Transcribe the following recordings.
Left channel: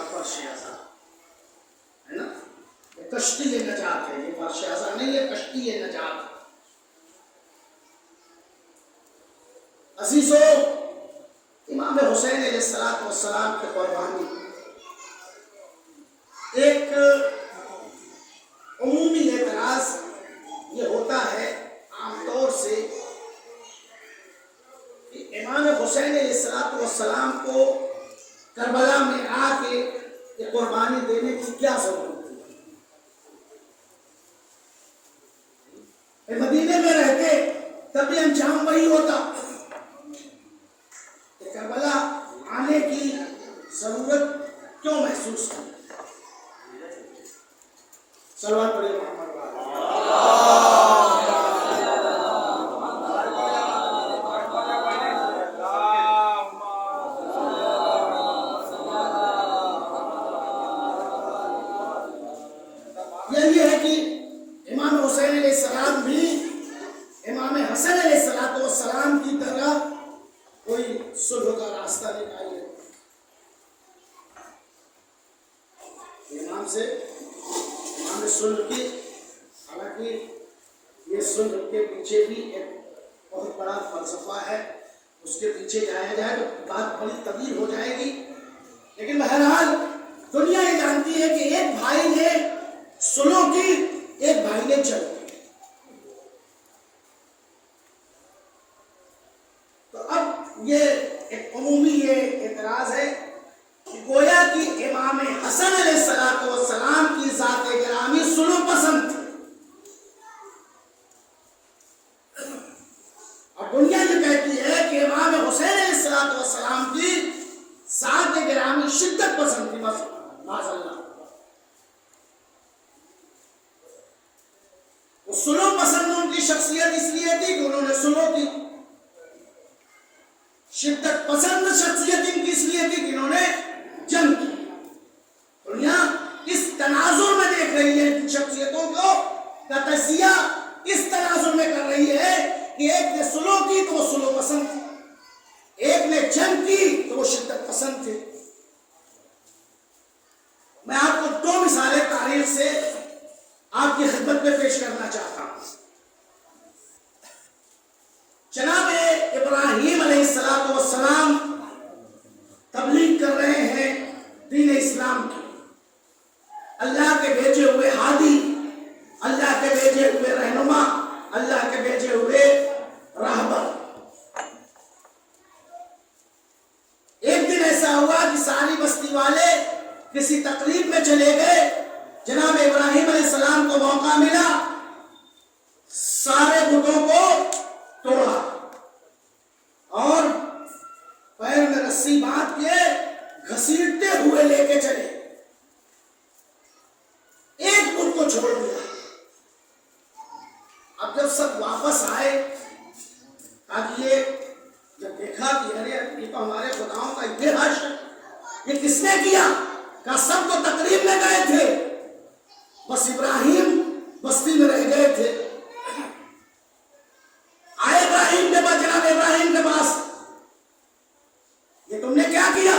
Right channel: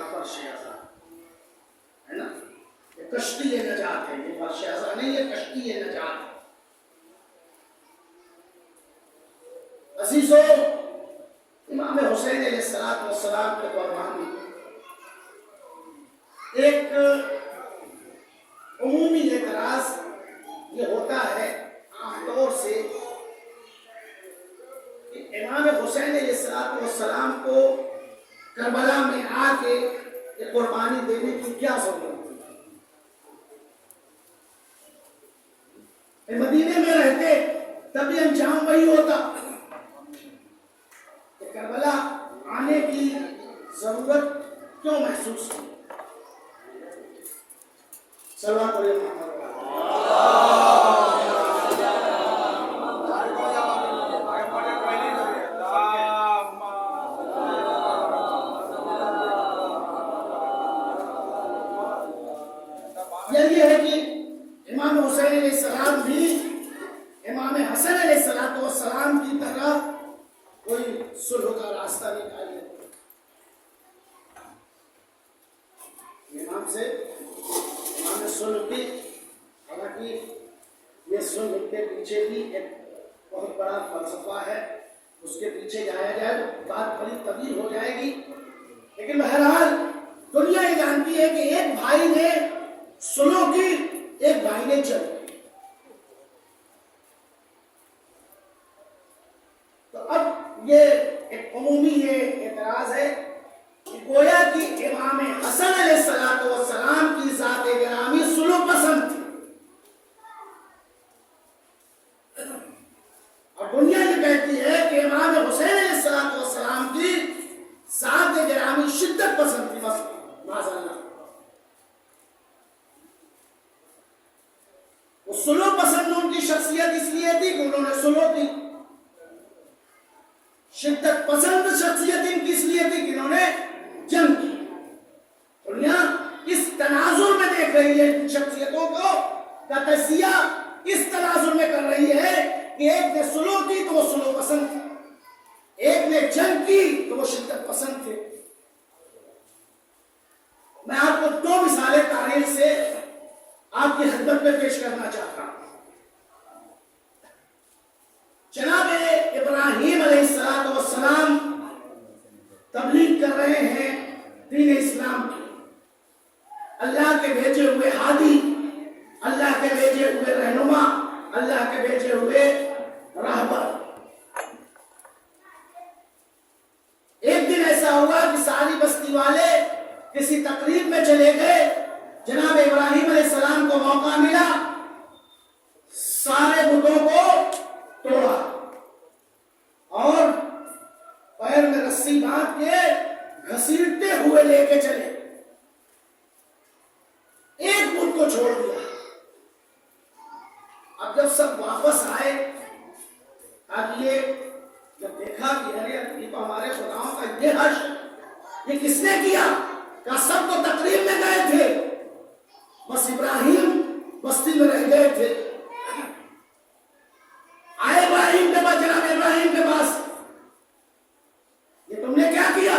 کا فرش ازا ہے نا، یہ کشتی نجات ہے، یہ فرش ازا نہیں، یہ کشتی نجات ہے۔ عزیزو، امام حسین علیہ السلام کی قربانی ایک عمومی اعتراض یہ ہوتا ہے عام طور سے کہ امام حسین علیہ السلام کو کربلا میں آ کے یہ قربانی دینے کی کیا ضرورت تھی؟ مدینے میں رہتے تب بھی انجام وہی ہوتا، کہ کربلا آنے کی ضرورت کیوں محسوس کی؟ صلوات پڑھیے محمد یہ ہے کہ امام حسین علیہ السلام بھی امام حسن علیہ السلام کی طرح کوئی صلح کا راستہ نکالے، امام سے صلح کی، حالانکہ یہ صلح کے پیچھے بھی ایک بہت بڑا فلسفہ ہے، اس کے پیچھے جایا جائے تو بات بڑی طویل ہو جائے گی، لیکن بہرحال دنیا یہ جانتی ہے کہ ایک بھائی نے صلح کی، ایک بھائی نے جنگ کی۔ تو اب یہ ایک عمومی یہ اعتراض ہے کہ گویا کہ امام حسن علیہ السلام کی ذات گرامی صلح پسند تھی، اور دنیا یہ کہتی ہے کہ امام حسین علیہ السلام کی ذات گرامی شدت پسند تھی، معذاللہ۔ وہ صلح پسند ان کی شخصیت اس لیے تھی کہ انہوں نے صلح کی، شدت پسند شخصیت ان کی اس لیے تھی کہ انہوں نے جنگ کی۔ دنیا اس تناظر میں دیکھ رہی ہے ان شخصیتوں کو، کا تجزیہ اس تناظر میں کر رہی ہے کہ ایک نے صلح کی تو وہ صلح پسند تھی، ایک نے جنگ کی تو وہ شدت پسند تھے۔ میں آپ کو دو مثالیں تاریخ سے آپ کی خدمت میں پیش کرنا چاہتا ہوں۔ جناب ابراہیم علیہ السلام تبلیغ کر رہے ہیں دین اسلام کی، اللہ کے بھیجے ہوئے ہادی، اللہ کے بھیجے ہوئے رہنما، اللہ کے بھیجے ہوئے راہبر۔ ایک دن ایسا ہوا کہ ساری بستی والے کسی تقریب میں چلے گئے، جناب ابراہیم علیہ السلام کو موقع ملا، سارے بتوں کو توڑا اور پیر میں رسی باندھ کے گھسیٹتے ہوئے لے کے چلے، ایک بت کو چھوڑ دیا۔ اب جب سب واپس آئے، اب یہ جب دیکھا کہ ارے یہ تو ہمارے خداؤں کا یہ حشر، یہ کس نے کیا؟ کہا سب تو تقریب میں گئے تھے، بس ابراہیم بستی میں رہ گئے تھے۔ آئے ابراہیم کے پاس، جناب ابراہیم کے پاس، یہ تم نے کیا کیا؟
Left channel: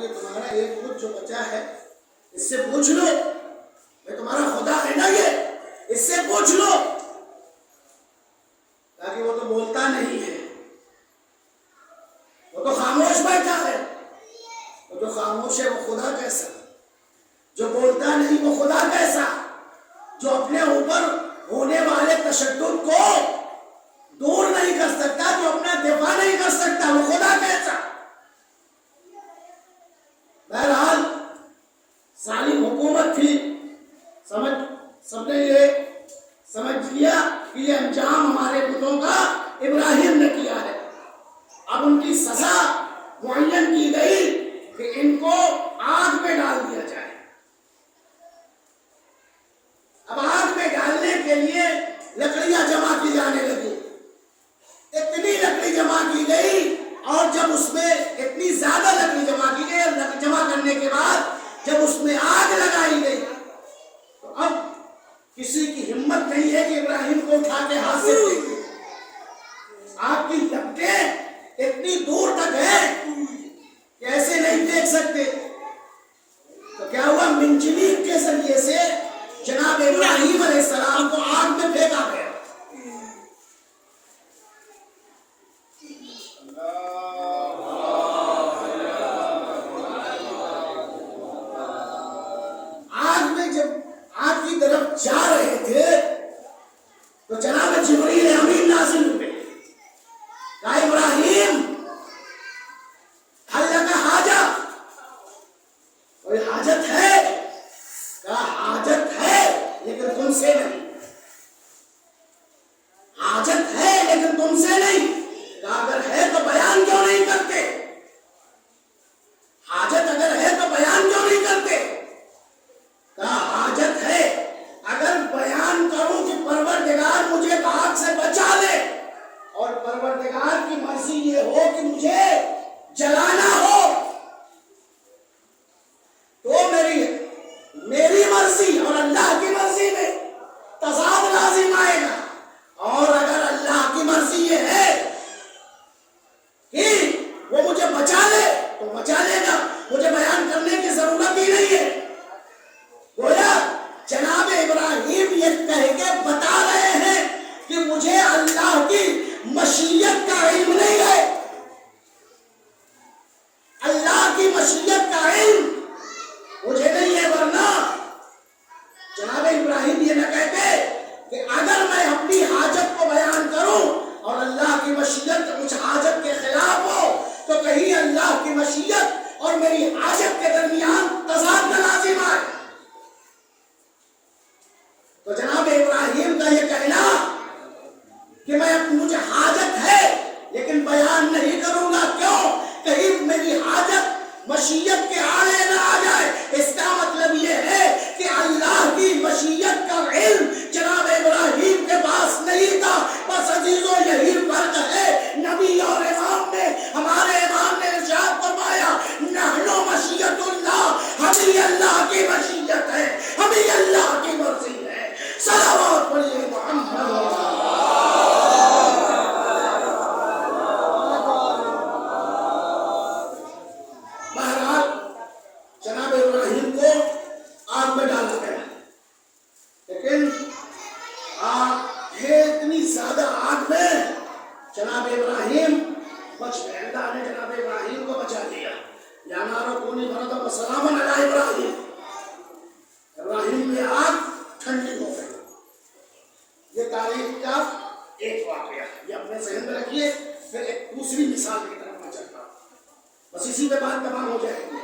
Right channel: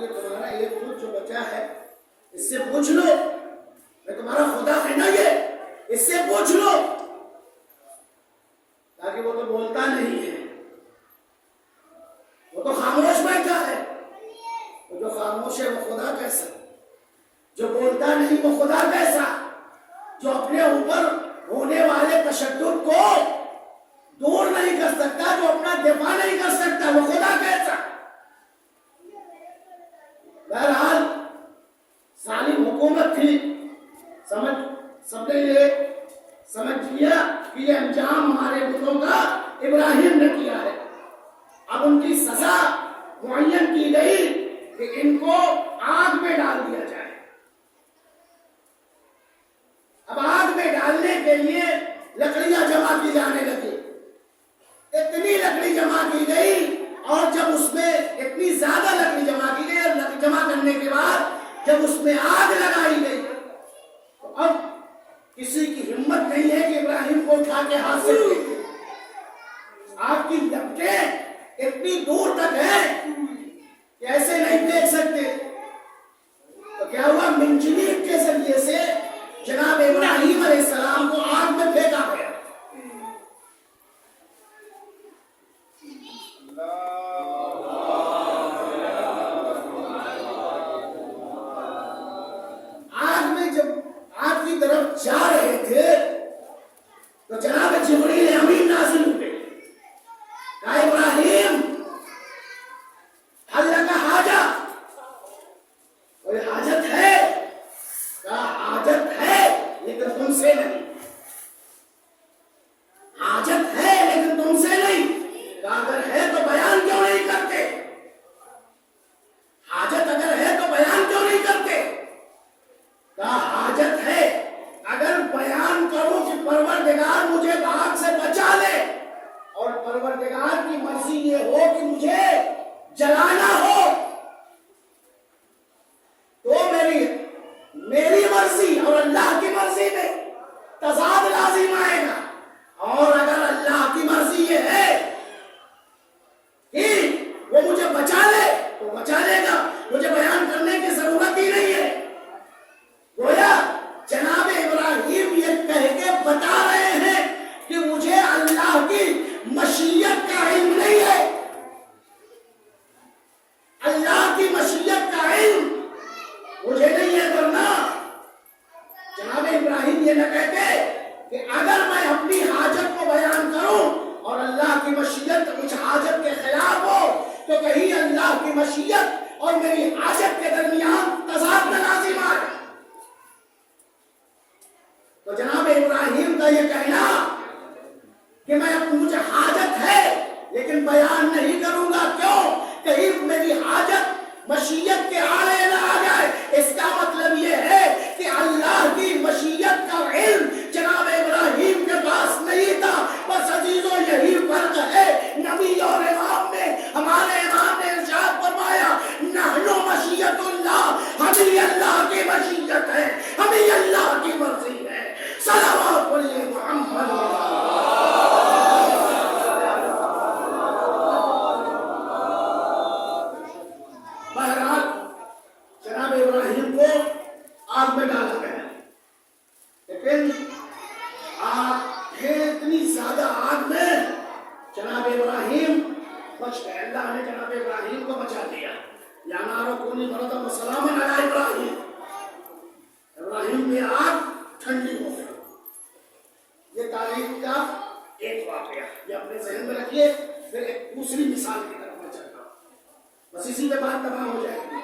یہ تمہارا ایک بت جو بچا ہے اس سے پوچھ لو، میں تمہارا خدا ہے نا، یہ اس سے پوچھ لو، تاکہ وہ تو بولتا نہیں ہے، وہ تو خاموش بیٹھا ہے، وہ جو خاموش ہے وہ خدا کیسا، جو بولتا نہیں وہ خدا کیسا، جو اپنے اوپر ہونے والے تشدد کو دور نہیں کر سکتا، جو اپنا دفاع نہیں کر سکتا، وہ خدا کیسا۔ بہرحال ظالم حکومت تھی، سب نے یہ سمجھ لیا کہ یہ انجام ہمارے بتوں کا ابراہیم نے کیا ہے۔ اب ان کی سزا معین کی گئی کہ ان کو آگ میں ڈال دیا جائے۔ اب آگ میں ڈالنے کے لیے لکڑیاں جمع کی جانے لگی، اتنی لکڑی جمع کی گئی، اور جب اس میں اتنی زیادہ لکڑی جمع کی گئی، اور جمع کرنے کے بعد جب اس میں آگ لگائی گئی تو اب کسی کی ہمت نہیں ہے کہ ابراہیم کو اٹھا کے ہاتھ سے پھینکے۔ آگ کی لپٹیں اتنی دور تک ہیں کہ ایسے نہیں مشیت کا علم مجھے نہیں ہے، ورنہ جناب ابراہیم یہ نہ کہتے کہ اگر میں اپنی حاجت کو بیان کروں اور اللہ کی مشیت کچھ حاجت کے خلاف ہو تو کہیں اللہ کی مشیت اور میری حاجت کے درمیان تضاد نہ لازم آئے۔ تو جناب ابراہیم کا یہ کہنا کہ میں مجھے حاجت ہے لیکن بیان نہیں کروں گا، کیوں؟ کہیں میری حاجت مشیت کے آڑے نہ آ جائے۔ اس کا مطلب یہ ہے کہ اللہ کی مشیت کا علم جناب ابراہیم کے پاس نہیں تھا۔ بس عزیزوں یہی فرق ہے نبی اور امام میں۔ ہمارے امام نے ارشاد فرمایا نحن مشیت اللہ، ہمیں اللہ کی مشیت ہے، ہمیں اللہ کی مرضی ہے۔ صلوات پڑھیے محمد۔ بہرحال جناب ابراہیم کو آگ میں ڈالا گیا، لیکن آگ ہے اتنی زیادہ آگ میں جناب ابراہیم بچ گئے۔ اللہ نے جناب ابراہیم کو بچا لیا۔ یا نارو کونی بردم سلام علی ابراہیم، ابراہیم میں آگ ٹھنڈی ہو گئی۔ یہ تاریخ کا ایک واقعہ، یہ اپنے ذہن میں رکھیے۔ پھر ایک دوسری مثال کی طرف میں چلتا ہوں، بس اسی پہ بات تمام ہو جائے گی۔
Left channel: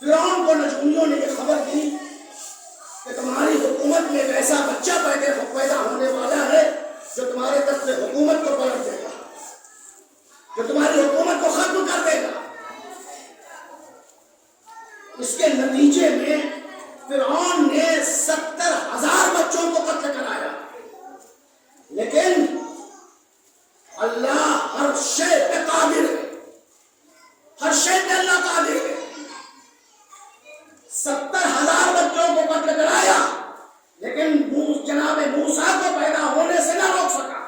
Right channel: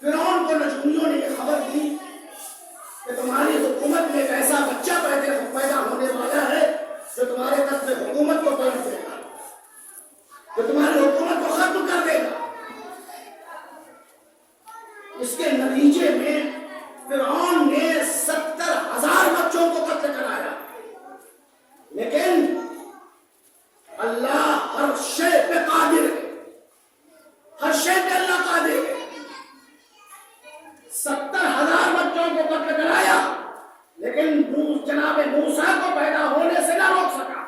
فرعون کو نجومیوں نے یہ خبر دی کہ تمہاری حکومت میں ایک ایسا بچہ پیدا ہونے والا ہے جو تمہارے تخت حکومت کو پلٹ دے گا، جو تمہاری حکومت کو ختم کر دے گا۔ اس کے نتیجے میں فرعون نے 70,000 بچوں کو قتل کرایا، لیکن اللہ ہر شے پہ قادر ہے، ہر شے پہ اللہ قادر ہے۔ 70,000 بچوں کو قتل کرایا لیکن جناب موسیٰ کو پیدا ہونے سے نہ روک سکا۔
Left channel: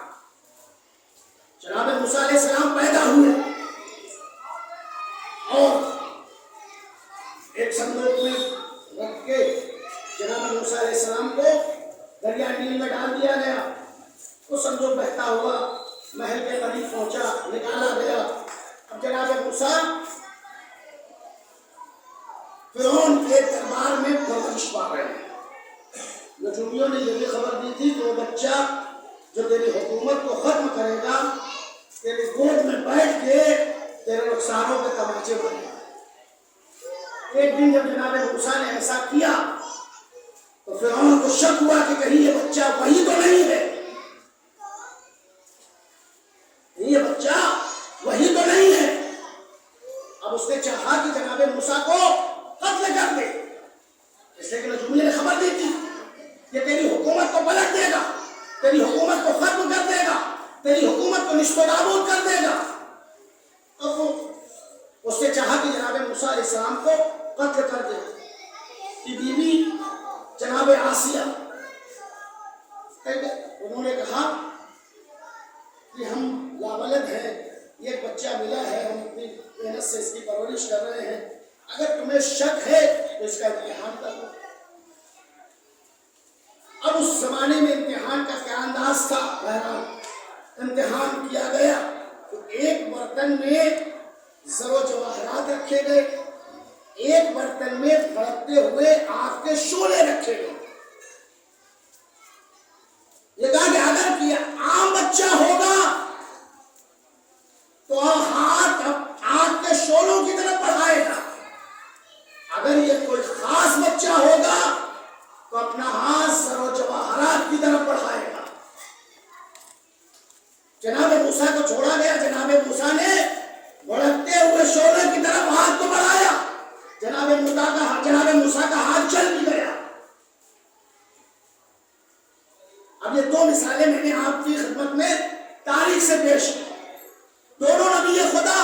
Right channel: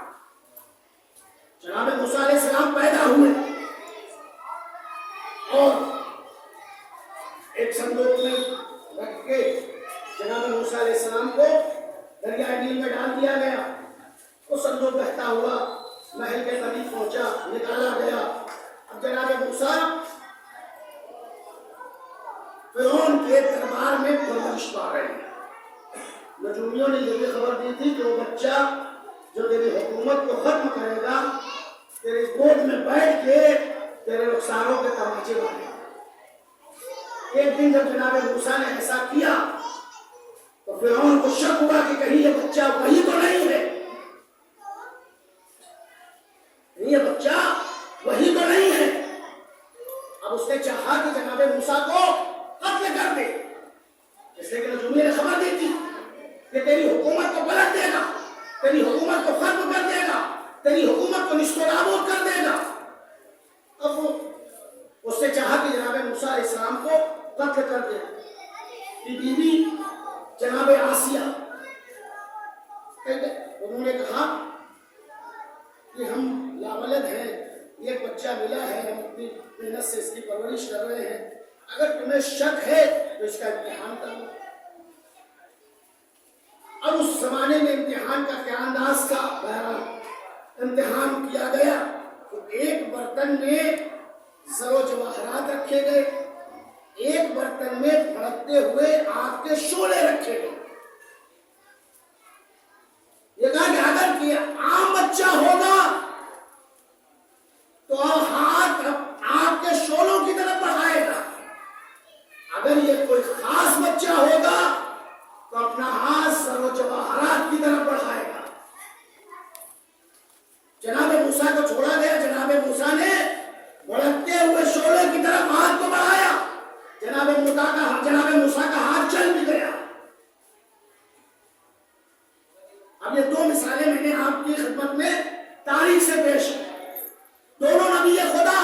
جناب موسیٰ علیہ السلام پیدا ہوئے اور ایک صندوق میں رکھ کے جناب موسیٰ علیہ السلام کو دریائے نیل میں ڈال دیا گیا۔ وہ صندوق بہتا ہوا محل کے قریب پہنچا، نکالا گیا۔ اب جناب موسیٰ فرعون کے دربار میں پرورش پا رہے ہیں۔ نجومیوں نے یہ بھی خبر دی تھی کہ وہ بچہ جو تیری حکومت کو ختم کرے گا تیرے گود میں بیٹھ کے تیرے رخساروں کے تماچے مارے گا۔ ایک دن جب جناب موسیٰ نے ایسا کیا تو فرعون کو شک ہوا کہ کہیں یہ بچہ وہی تو نہیں ہے، یہ بچہ وہی تو نہیں ہے۔ اب اس نے چاہا کہ جناب موسیٰ کو قتل کر دے، اس لیے کہ نجومی نے خبر دی تھی کہ تیری حکومت کو پلٹ دے گا، تیری حکومت کو ختم کر دے گا، تیری حکومت کو نصف و نابود کر دے گا۔ اب اس نے چاہا کہ جناب موسیٰ علیہ السلام کو قتل کر دے۔ کی بیوی جناب آسیہ انہوں نے کہا کہ ہم لاولد ہیں، یہ بچہ ملا ہے، ہم اپنی محنت سے اس کی پرورش کر رہے ہیں، اگر تمہیں شک ہے تو اس کا امتحان کر لو۔ اب اس زمانے میں امتحان کا کیا انداز تھا؟ بہرحال امتحان کیا گیا تو ایک برتن میں زر و جواہرات رکھے گئے، ایک برتن میں بھڑکتے ہوئے آگ کے شعلے رکھے گئے۔ یہ کہا کہ اگر یہ عام بچہ ہوگا تو ہاتھ آگ کے شعلوں کی طرف بڑھائے گا، اگر یہ کوئی خاص بچہ ہوگا تو اپنا ہاتھ زر و جواہرات کی طرف بڑھائے گا۔ جناب موسیٰ کو چھوڑا گیا، جناب موسیٰ نے بھڑکتے ہوئے شعلے کی طرف ہاتھ کو بڑھایا، جناب موسیٰ کا ہاتھ چل بھی گیا۔ اب یہ دو مثالیں میں نے آپ کی خدمت میں تاریخ سے پیش کی، دونوں نبی خدا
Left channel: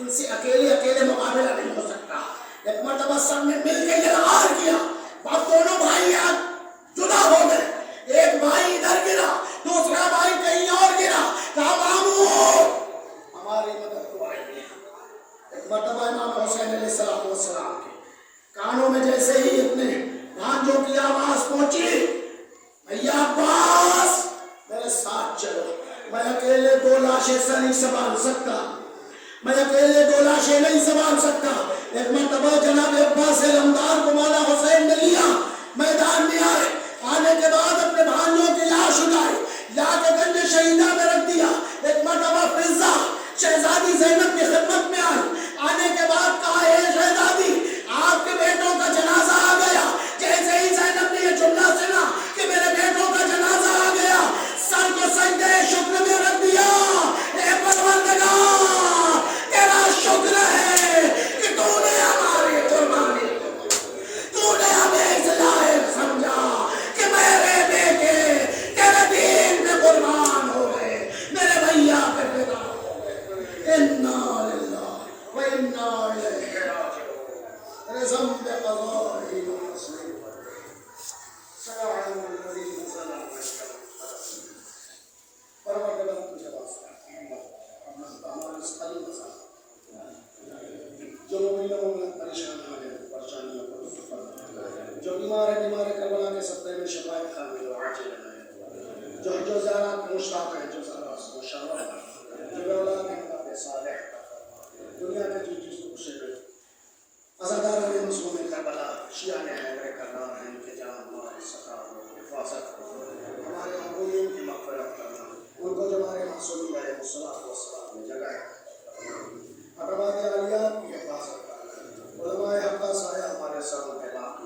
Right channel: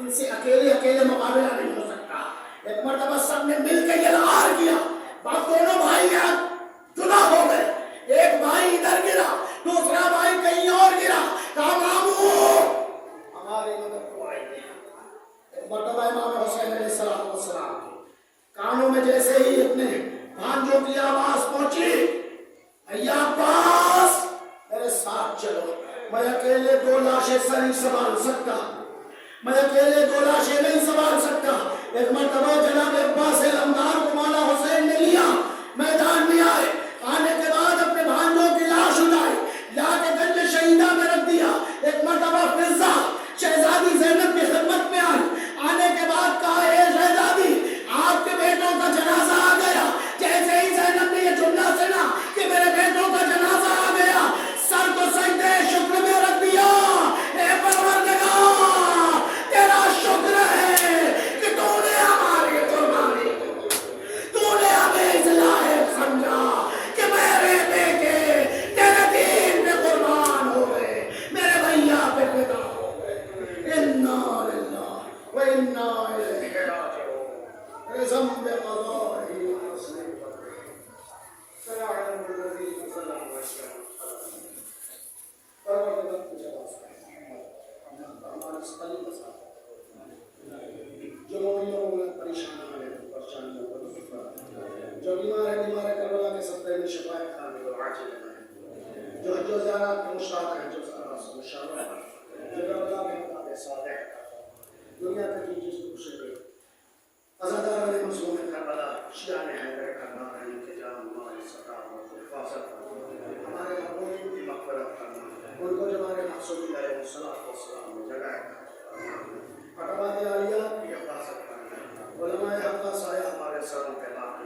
ان سے اکیلے مقابلہ نہیں ہو سکتا. ایک مرتبہ سب نے مل کے یلغار کیا. اب دونوں بھائی جدا ہو گئے. ایک بھائی ادھر گرا, دوسرا بھائی کہیں اور گرا. کہا مامو ہماری مدد کو آئیے. ایک مرتبہ امام حسین علیہ السلام کے کانوں میں جیسے ہی اپنے بھانجوں کی آواز پہنچی, بھیا عباس میرے ساتھ چلو, میں اکیلے 2 لاشیں سے نہیں سنبھال سکتا, میں اکیلے 2 لاشیں نہیں سنبھال سکتا. ایک مرتبہ جناب عباس علمدار کو مولا حسین نے لیا, میدان میں آئے. آنے کے بعد اپنے بھانجوں کی لاش اٹھائی, لا کے گنج شہیدہ میں رکھ دیا. ایک مرتبہ فضا شہزادی زینب کی خدمت میں آئی. آنے کے بعد کہا اے شہزادی آپ کے بیٹوں کا جنازہ آ گیا. جیسے ہی زینب نے یہ جملہ سنا کہ میرے بیٹوں کا جنازہ آ گیا, سر کو سجدے شکر میں رکھ دیا. اے پروردگار تیرا شکر ہے کہ تو نے ہماری قربانی, تو نے ہمیں اس لائق سمجھا کہ میرے بیٹے تیرے دین پہ قربان ہو گئے, میرے بھیا پہ فدا ہو گئے. انا للہ و انا الیہ راجعون. رزم بے قضاء ونصر سلام الذین صلوا پروردگار تجھے واسطہ ہمارے قلب کے ساتھ جو مومنوں میں پریشانیاں ہیں, پریشانیوں کو دور فرما. جو بیمار ہے کربلا کے صدقے میں شفاء کامل و عاجل ہے. جو زیارات میں مشتاق ہیں, جو زیارات سے مشرف ہیں, جو اولاد ہیں اولاد صالح, دنیا کے جس دوسرے پہ عزاداران مظلوم کربلا, شیعہ حیدر کربلا, ان کے جان ہمارے سکار و حفاظت کرنا, ہمارے حقوقین کی مغفرت کرنا, ان کو جو ہمارے معصومین علیہ السلام میں جگہ ہے, اقوام عالیہ کی حفاظت کرنا, علماء حق سایہ ہمارے سروں پہ لاکھ,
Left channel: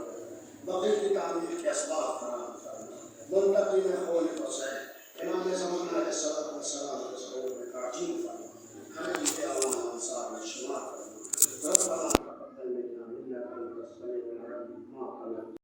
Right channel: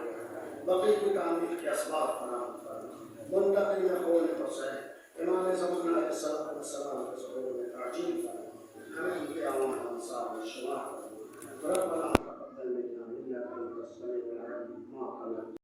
بقی کی تعمیر کے اسباب فراہم کرنا, منتقل میں خون بسے امام زمانہ علیہ السلام کے ظہور میں تعجیل فرما, ہمیں ان کے اعلان انصار میں شمار کرنا. ربنا تقبل منا انك انت السميع العليم.